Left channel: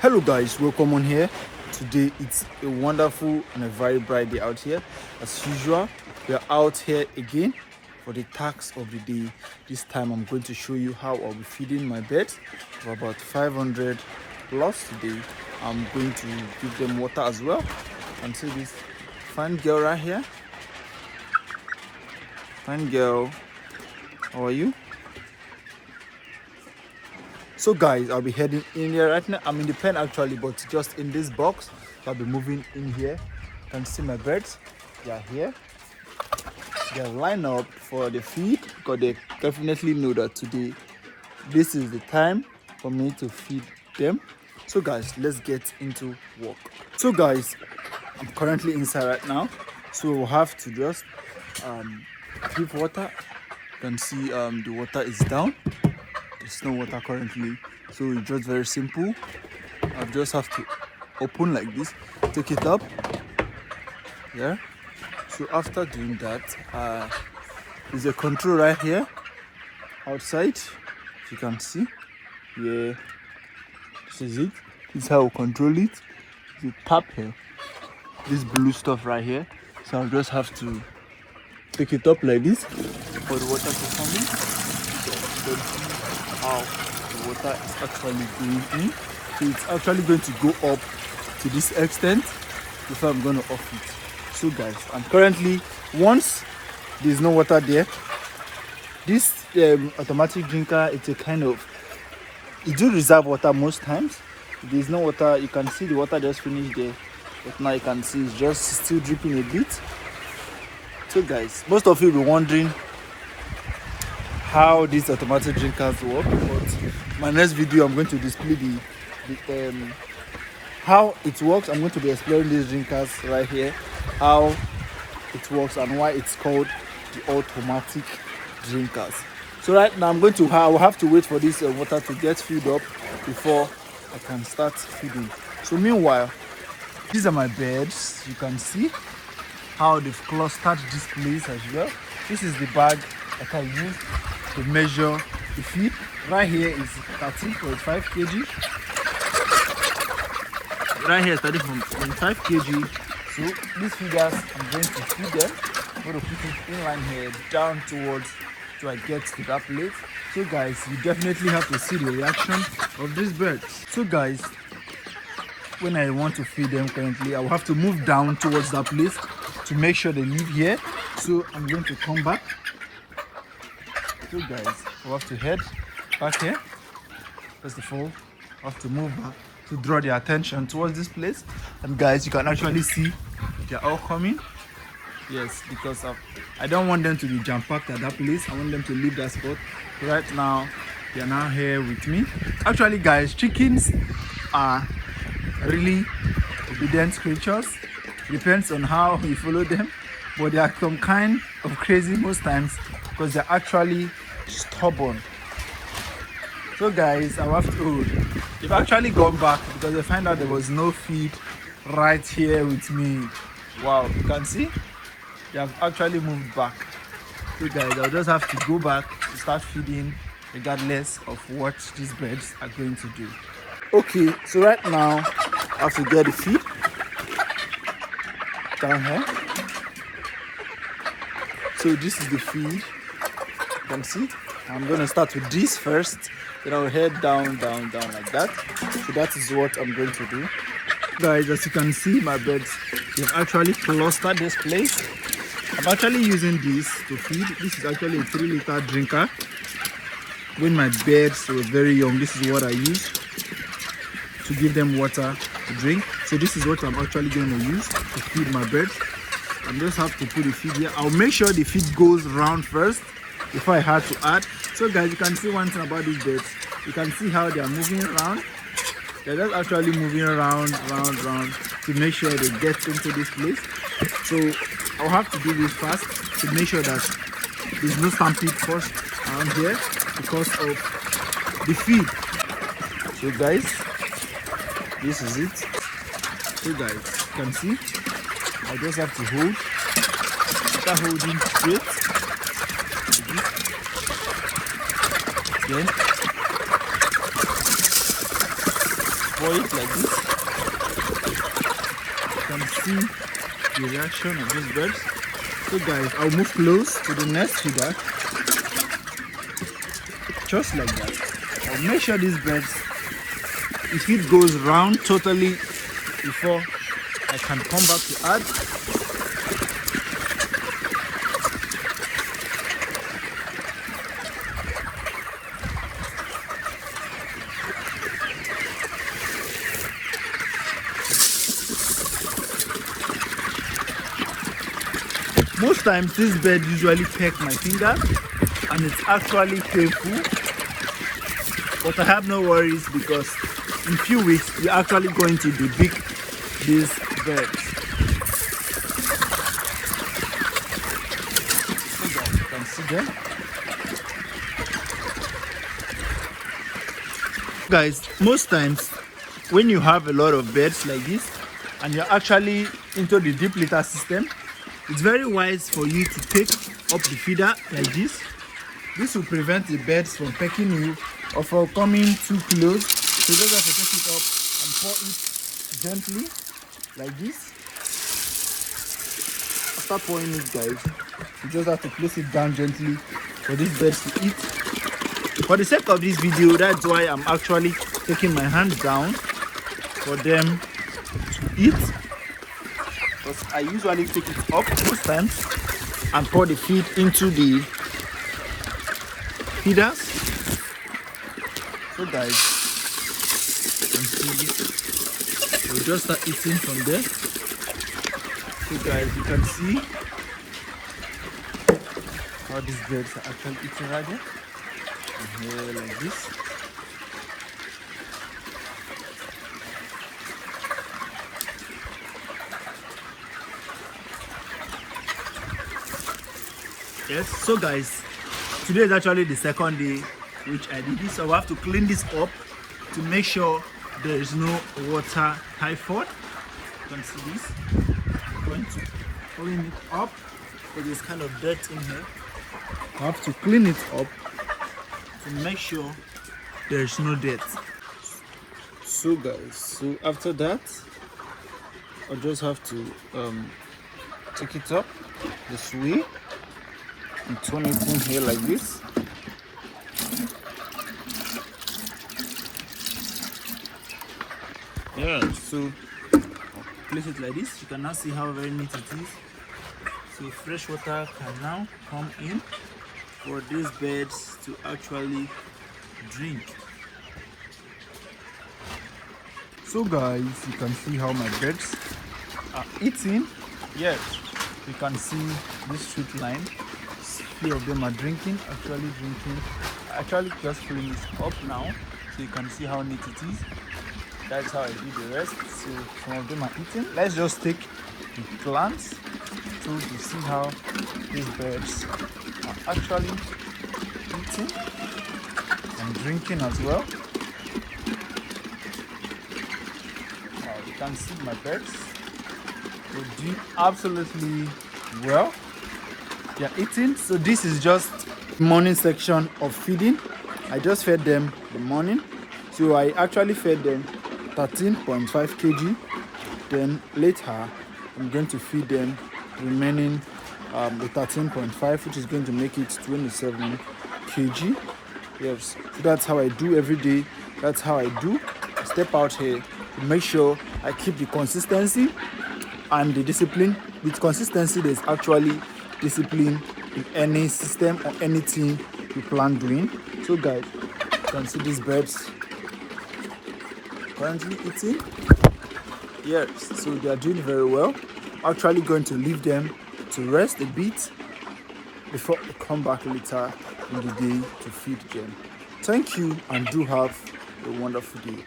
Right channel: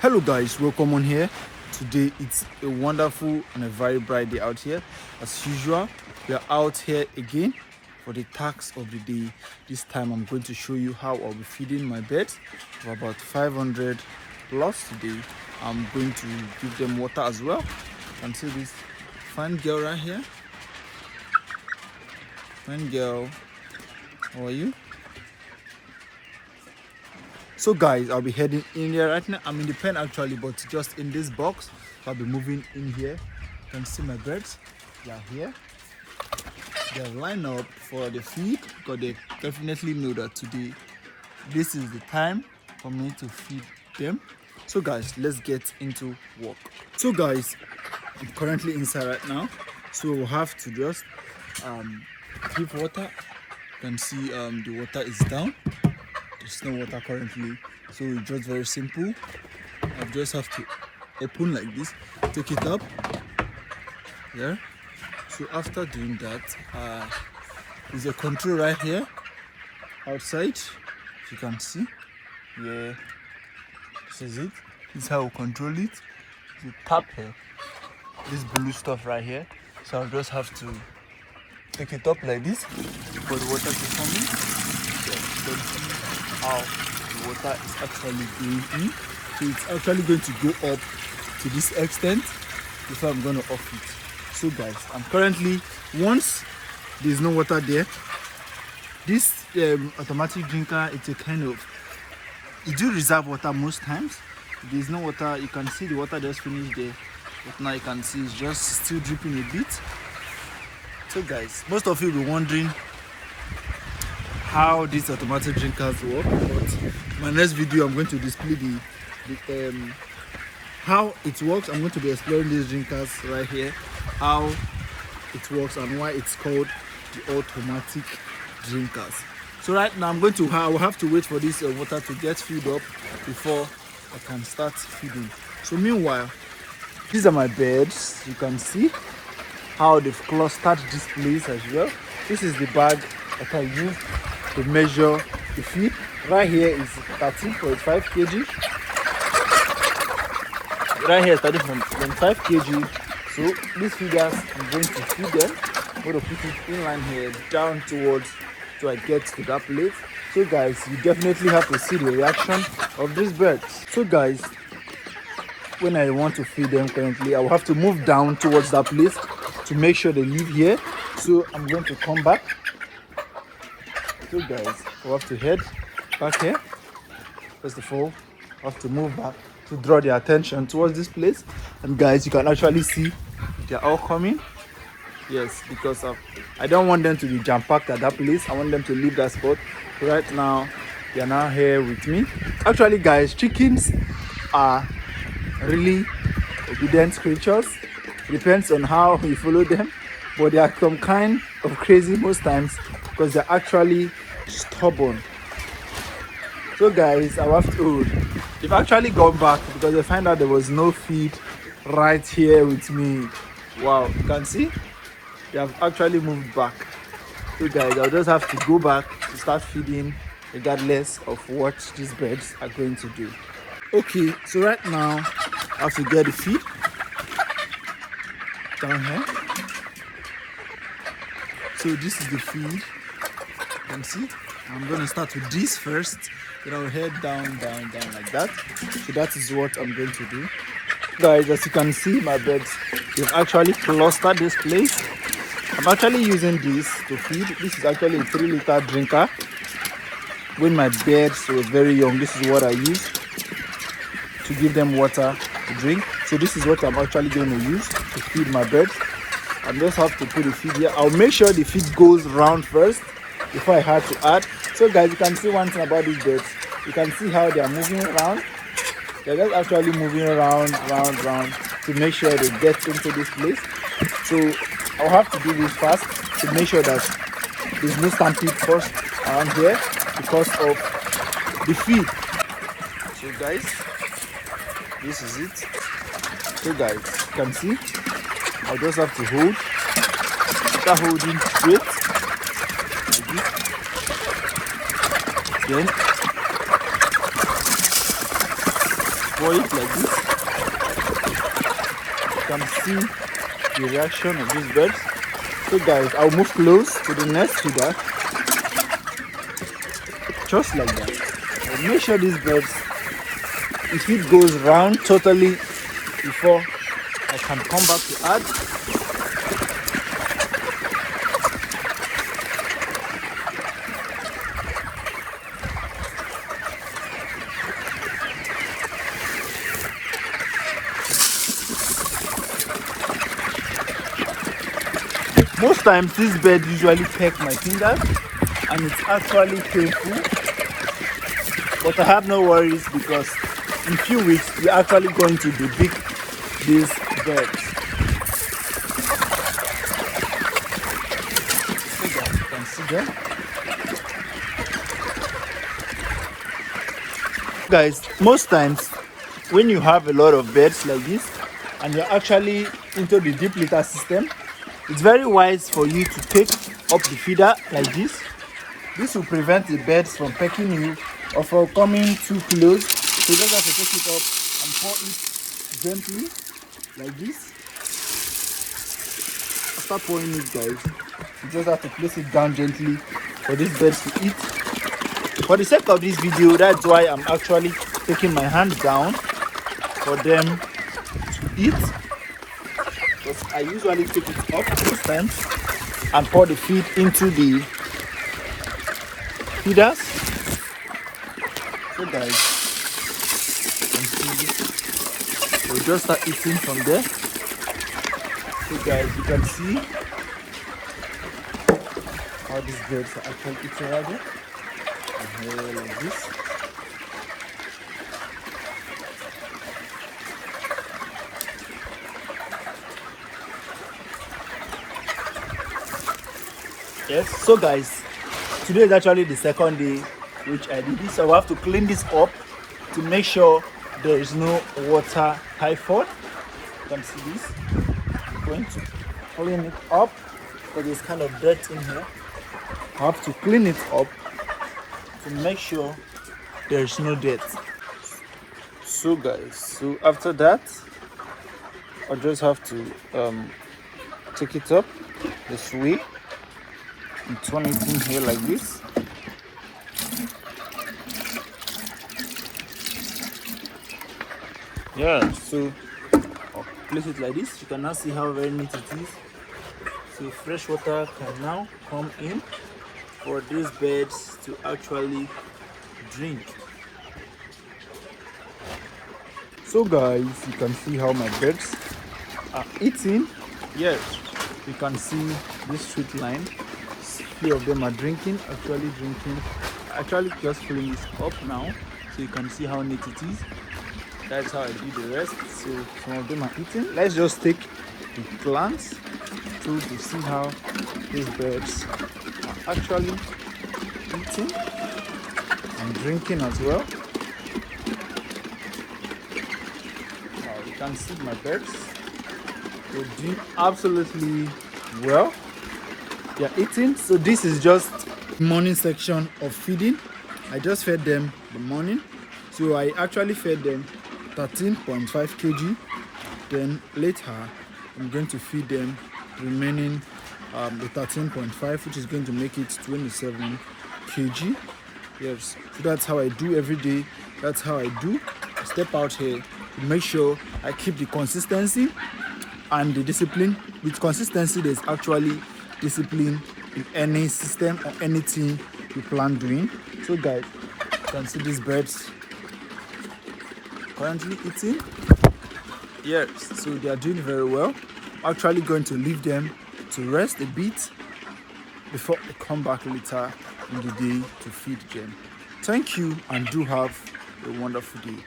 Hello guys, welcome on here. Today it's a wonderful and a very bright day out here. As usual, we are out here again for the task of the day. This time I'm going to show you how I'll be feeding my birds of about 500 plus today. I'm going to give them water as well. You can see this fine girl right here. Fine girl, how are you? So guys, I'll be heading in here right now. I'm in the pen actually, but just in this box. So I'll be moving in here. You can see my birds. They are here. They're lined up for the feed because they definitely know that today this is the time for me to feed them. So guys, let's get into work. So guys, I'm currently inside right now. So we'll have to just give water. You can see the water is down. There's no water currently, so it's just very simple. I just have to open like this, take it up. Yeah. So after doing that, there's a control right here outside. As you can see, yeah, this is it. This is how we control it. You tap here, this blue stuff right here. So I just have to take it up like this for the water to come in. How the water is actually going in. So it's actually going to go up to this extent before I'm going to off it. So guys, I'm currently, once there's no water there, this automatic drinker, it's a kind of, it do reserve water most times. If there's no water, you can see the water just finished there, but now you can see it's just still dripping a bit. So guys, most of you will be wondering how these automatic drinkers work, but my next video I'm going to display the how it works. I'm going to be explaining these drinkers right here, how it works and why it's called the automatic drinkers. So right now I will have to wait for this water to get filled up before I can start feeding. So meanwhile, these are my birds. You can see how they've clustered this place as well. This is the bag that I use to measure the feed. Right here is 13.5 kg. Right here is starting from 25 kg. So these figures, I'm going to feed them. I'm going to put it in line here, down towards till I get to that plate. So guys, you definitely have to see the reaction of these birds. So guys, when I want to feed them currently, I will have to move down towards that place to make sure they live here. So I'm going to come back. So guys, I have to head back here. First of all, I have to move back to draw their attention towards this place. And guys, you can actually see they're all coming. Yes, because I don't want them to be jam-packed at that place. I want them to leave that spot. Right now, they are now here with me. Actually guys, chickens are really obedient creatures. It depends on how you follow them, but they are some kind of crazy most times because they're actually stubborn. So guys, I have to, they've actually gone back because they find out there was no feed right here with me. Wow, you can see they have actually moved back. So guys, I'll just have to go back to start feeding regardless of what these birds are going to do. Okay, so right now I have to get the feed down here. So this is the feed. You can see I'm going to start with this first, then I'll head down like that. So that is what I'm going to do. Guys, as you can see, my birds, they've actually clustered this place. I'm actually using this to feed. This is actually a 3-liter drinker. When my birds were very young, this is what I used to give them water to drink. So this is what I'm actually going to use to feed my birds. I just have to put the feed here. I'll make sure the feed goes round first before I had to add. So guys, you can see one thing about these birds. You can see how they are moving around. They're just actually moving around to make sure they get into this place. So I'll have to do this fast to make sure that there's no stampede first around here because of the feed. So guys, this is it. So guys, you can see I just have to hold, start holding straight like this. Then pour it like this. You can see the reaction of these birds. So guys, I'll move close to the next feeder. Just like that. I'll make sure these birds, if it goes round totally before I can come back to add. Most times this bird usually peck my fingers and it's actually painful, but I have no worries because in a few weeks we're actually going to debug these birds. So guys, you can see them. Guys, most times when you have a lot of birds like this and you're actually into the deep litter system, it's very wise for you to take up the feeder like this. This will prevent the birds from pecking you or from coming too close. So you just have to take it up and pour it gently like this. After pouring it, guys, you just have to place it down gently for these birds to eat. For the sake of this video, that's why I'm actually taking my hand down for them to eat. I usually take it up most times and pour the feed into the feeders. So guys, you can see we'll just start eating from there. So guys, you can see how these birds are actually eating right there. And here like this. Yes, so guys, today is actually the second day which I did this, so I have to clean this up to make sure there is no water typhoid. You can see this. I'm going to clean it up because there's kind of dirt in here. I have to clean it up to make sure there is no dirt. So guys, so after that I just have to take it up this way and turn it in here like this. Yeah, so place it like this. You can now see how very neat it is. So fresh water can now come in for these birds to actually drink. So guys, you can see how my birds are eating. Yes, you can see this straight line. Few of them are drinking, actually just filling this up now, so you can see how neat it is. That's how I do the rest. So some of them are eating. Let's just take a glance to see how these birds are actually eating and drinking as well. You can see my birds, they're doing absolutely well. They're eating. So this is just morning section of feeding. I just fed them the morning, so I actually fed them 13.5 kg. Then later I'm going to feed them remaining the 13.5, which is going to make it 27 kg. Yes, so that's how I do every day. That's how I do. I step out here to make sure I keep the consistency and the discipline. With consistency, there's actually discipline in any system or anything you plan doing. So guys, you can see these birds currently eating. Yes, so they are doing very well. I'm actually going to leave them to rest a bit before I come back later in the day to feed them. Thank you and do have a wonderful day.